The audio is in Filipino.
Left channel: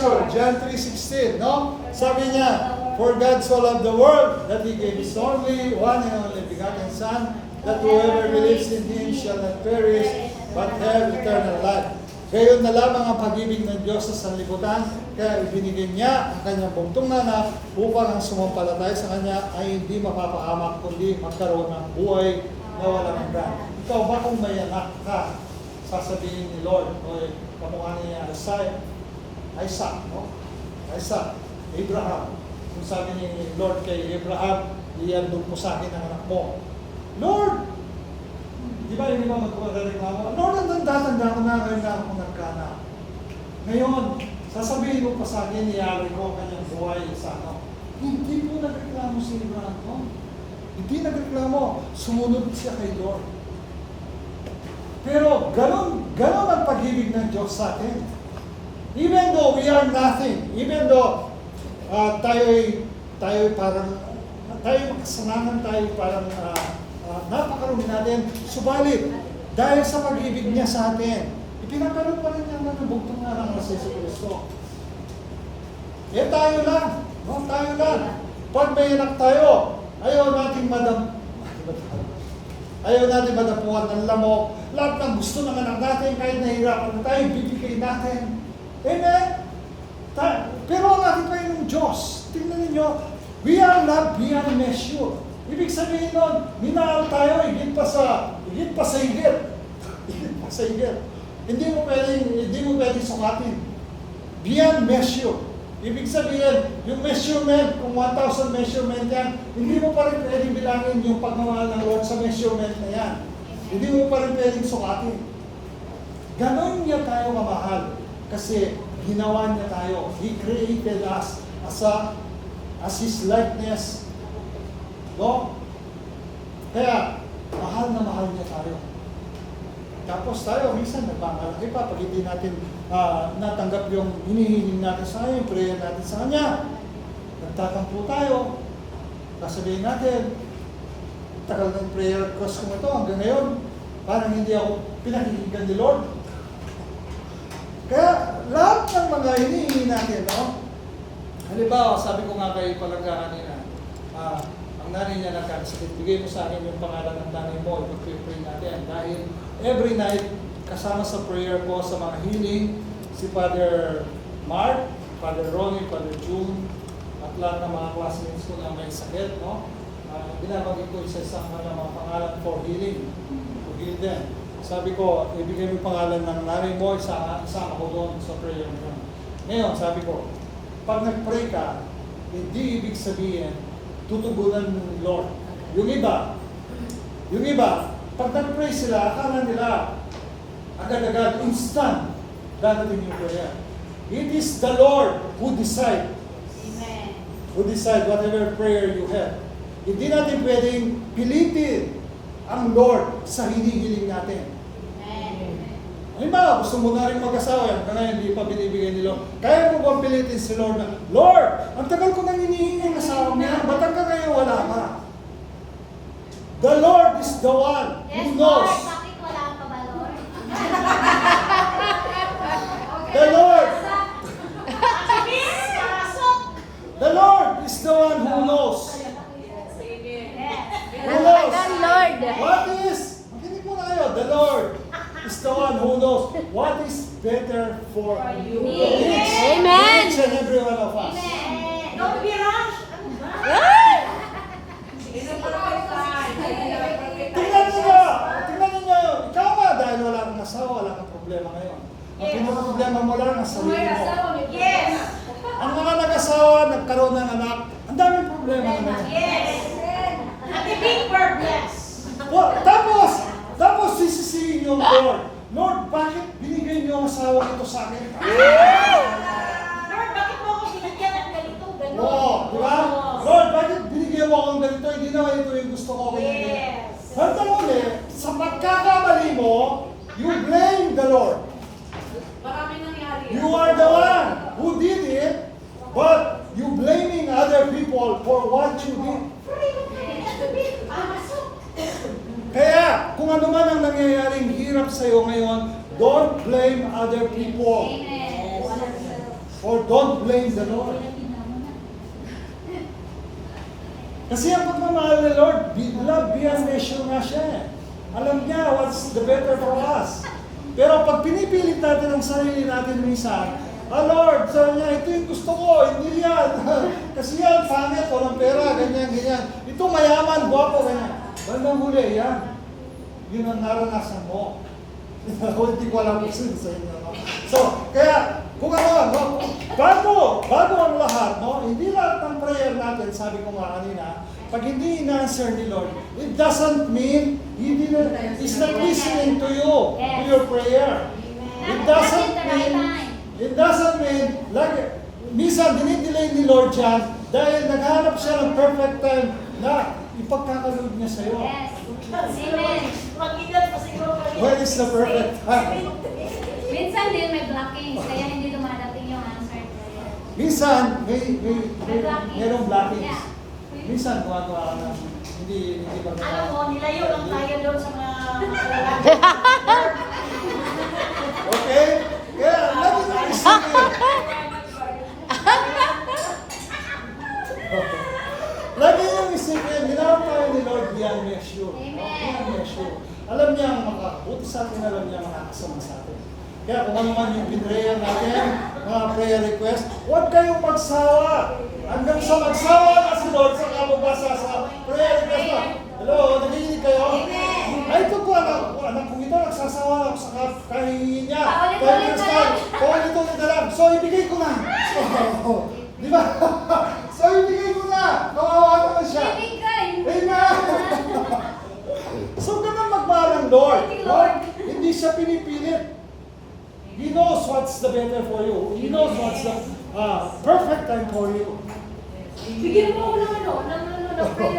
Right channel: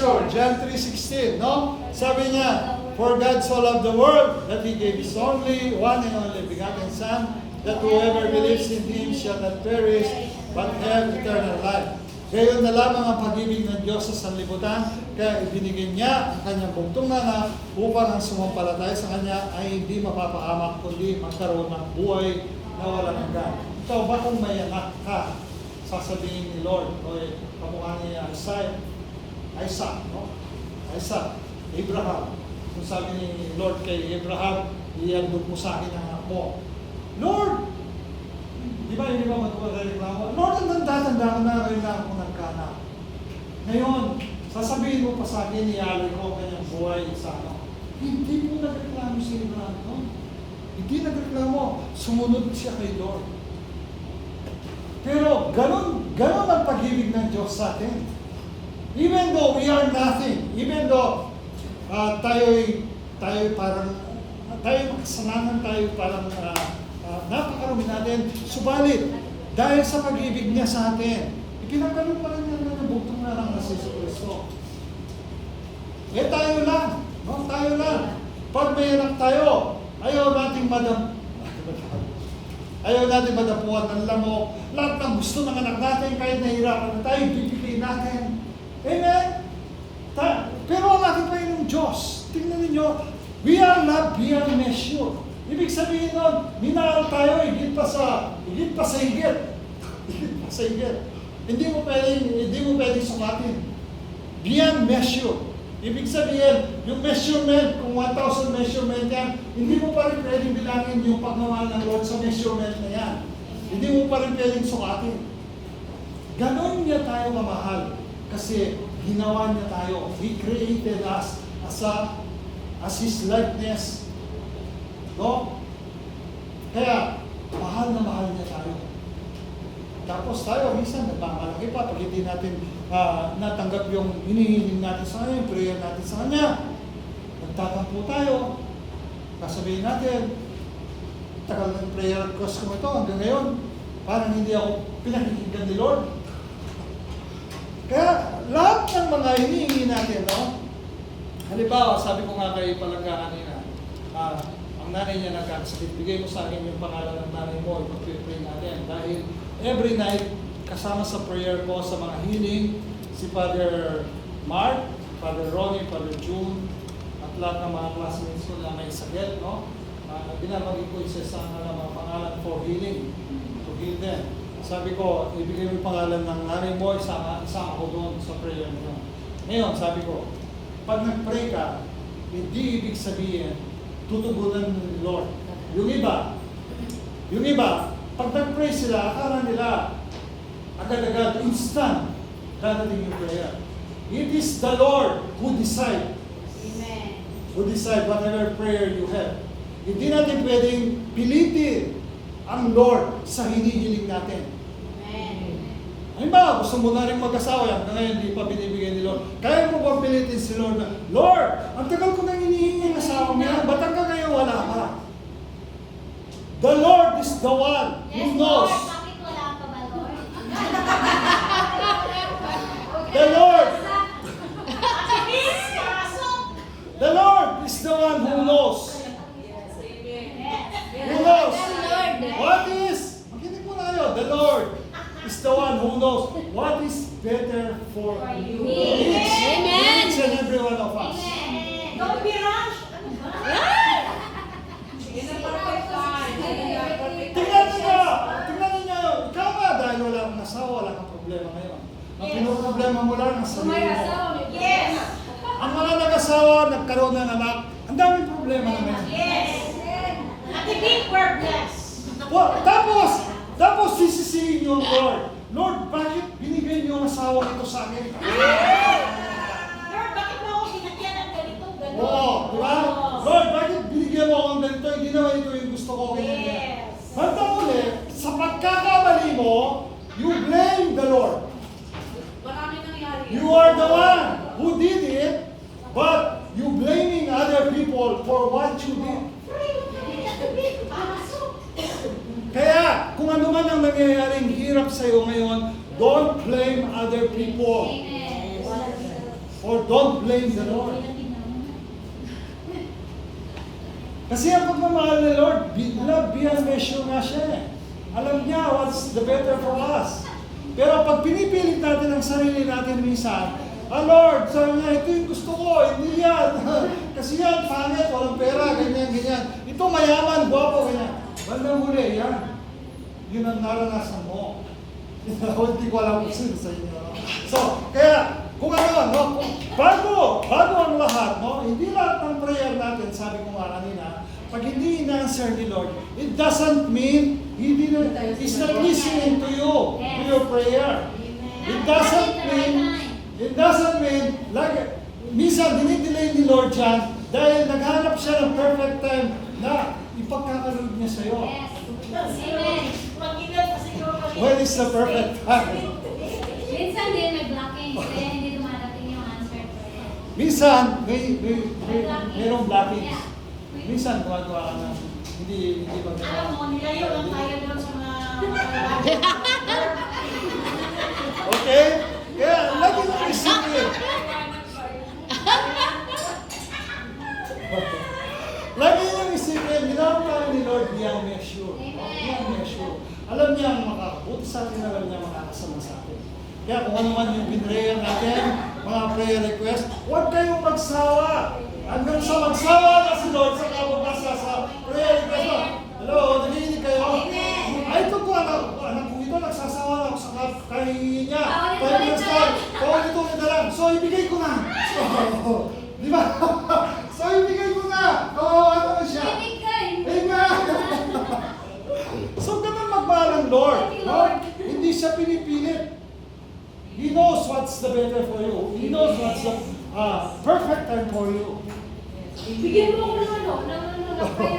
measure. John 3:16, no? Sabi niya, for God so loved the world that He gave His only, one and only begotten Son, that whoever believes in Him shall not perish, but have eternal life. Gayon na lamang ang pag-ibig ng Diyos sa sanlibutan, kaya ibinigay niya ang kanyang bugtong na anak upang ang sumampalataya sa kanya ay hindi mapapahamak, kundi magkaroon ng buhay na walang hanggan. Ikaw ba kung may anak ka, sasabihin ni Lord, o kamukha ni Isaac, no? Isaac, Abraham. Kung sabi ni Lord kay Abraham, iandog mo sa akin ang anak mo. Lord, di ba yung iba magkukureklamo? Lord, ang tanda ko na ngayon na ako nagkaanak. Ngayon, sasabihin mo pa sa akin, iyaloy ko ang kanyang buhay sa ano. Hindi po nagreklamo si Abraham, no? Hindi nagreklamo. Sumunod siya kay Lord. Pero ganun ang pag-ibig ng Diyos sa atin. Even though we are nothing, even though tayo parang, tayo makasalanan, tayo parang napakarumi natin, subalit, dahil sa pag-ibig niya sa atin, ipinapanood pa rin niya ng bugtong na lang na si Kristo. Tayo lang, no? Tayo lang. Pag may anak tayo, ayaw nating madapuan ng lamok. Lahat ng gusto ng anak natin, kahit nahihirapan na tayo, bibigay natin. Amen? Pero ang ating Panginoong Diyos, tingnan ninyo, we are not beyond measure. Ibig sabihin nun, minahal tayo, higit pa sa higit. Higit pa sa higit. Hindi mo pwedeng sukatin. Beyond measure. Ibig sabihin, yung measurement, kung 1,000 measurement yan, hindi mo pa rin pwedeng bilangin yung pagmamahal ng Lord sa measurement na yan. Hindi mo pa rin pwedeng sukatin. Ganon niya tayo kamahal. Kasi ginawa niya tayo. He created us as His likeness. No? Kaya, mahal na mahal niya tayo. Tapos tayo, minsan nagmamalaki pa pag hindi natin natanggap yung hinihiling natin sa Kanya, yung prayer natin sa Kanya. Nagtatampo tayo. Sasabihin natin, tagal ng prayer request ko ito hanggang ngayon, parang hindi ako pinakikinggan ni Lord. Kaya, lahat ng mga hinihingi natin, no? Halimbawa, sabi ko nga kay Palangga kanina, ang nanay niya nagkakasakit, bigay mo sa akin yung pangalan ng nanay mo, ipag-pray natin. Dahil every night, kasama sa prayer ko sa mga healing, si Father Mark, Father Ronnie, Father June, at lahat ng mga classmates ko na may sakit, no? Binabagay ko isa sa mga pangalan for healing, to heal them. Sabi ko, ibigay mo yung pangalan ng nanay mo, isama ko doon sa prayer mo. Ngayon, sabi ko, pag nag-pray ka, hindi ibig sabihin, tutugunan ng Lord. Yung iba, pag nag-pray sila, akala nila, agad-agad, instant, dadating yung prayer. It is the Lord who decide. Amen. Who decide whatever prayer you have. Hindi natin pwedeng pilitin ang Lord sa hinihiling natin. Halimbawa, gusto mo na rin mag-asawa yan, hanggang ngayon hindi pa binibigay ni Lord. Kaya mo bang pilitin si Lord na, Lord, ang tagal ko nang hinihingi ng asawa mo yan, ba't hanggang ngayon wala ka? The Lord is the one who knows. Bakit wala ka ba, Lord? The Lord. The Lord is the one who knows. Who knows? The Lord. What is? Makinig mo na kayo. The Lord is the one who knows what is better for you. Amen. Each and every one of us. Don't be rush. Tingnan ninyo. Ikaw nga, dahil wala kang asawa, wala kang problema ngayon. Ang pinaka-problema mo lang ang sarili mo. Yes. Ang mga nag-asawa, nagkaroon ng anak, ang daming problema naman. Yes. At the big purpose. Tapos sisisihin niyo ang Lord. Lord, bakit binigay niyo ang asawa ito sa akin? Lord, bakit mo ako binigyan ng ganito? Oo, di ba? Lord, bakit binigyan mo akong ganito? Hindi naman ito yung gusto ko. Yes. Handa mo sa pagkakamali mo, you blame the Lord. Maraming nangyari. You are the one who did it, but you blaming other people for what you did. Kaya, kung ano man ang nangyayaring hirap sa iyo ngayon, don't blame other people. or don't blame the Lord. Kasi ang pagmamahal ni Lord, love beyond measure nga siya eh. Alam niya what's the better for us. Pero pag pinipilit natin ang sarili natin minsan, Lord, sabi niya, ito yung gusto ko, hindi yan. Kasi yan, pangit, walang pera, ganyan, ganyan. Ito mayaman, guwapo, ganyan. Bandang huli, yan. Yun ang naranasan mo. Hindi ko alam kung sino sa inyo. No? So, kaya, kung ano, no, bago ang lahat, no, hindi lahat ng prayer natin, sabi ko nga kanina, pag hindi in-answer ni Lord, it doesn't mean He's not listening to you, to your prayer. It doesn't mean, like, minsan dinidelay ni Lord yan dahil naghanap siya ng perfect time na ipagkakalood niya sa'yo. Amen. When is the perfect time? Minsan din may blockings, kaya hindi dumarating yung answer. Minsan, mayroong blockings. Minsan, gumagawa ka na, hindi ba Alam mo, nilayo lang tayo doon sa mga Okay? Kaya, lagi nang isipin. Lagi nang isipin, ginawag tayo ni Lord beyond measure. Beyond measure. Alam niya ang makakabuti sa atin, alam niya ang makakasama sa atin. Kaya kung ano man yung pinrayer natin, mga prayer request, huwag kayong magsawa. Hanggang sa magsawa na si Lord sa kababasa sa prayer request mo. Hello, nagiginig kayo? Ay, ito po, anak ko ito, nagsasawa ako sa kahihingi niya. Paulit-ulit na lang. So, ibigay ko na. Di ba? So, ibigay ko na. Kawawa naman siya. Amen. So, ganun magmahal ang Lord. Lord, hindi siya pinipilit. He knows what's the better for you. He knows what's the perfect time for you. Bigyan mo ako ng ano, ng prayer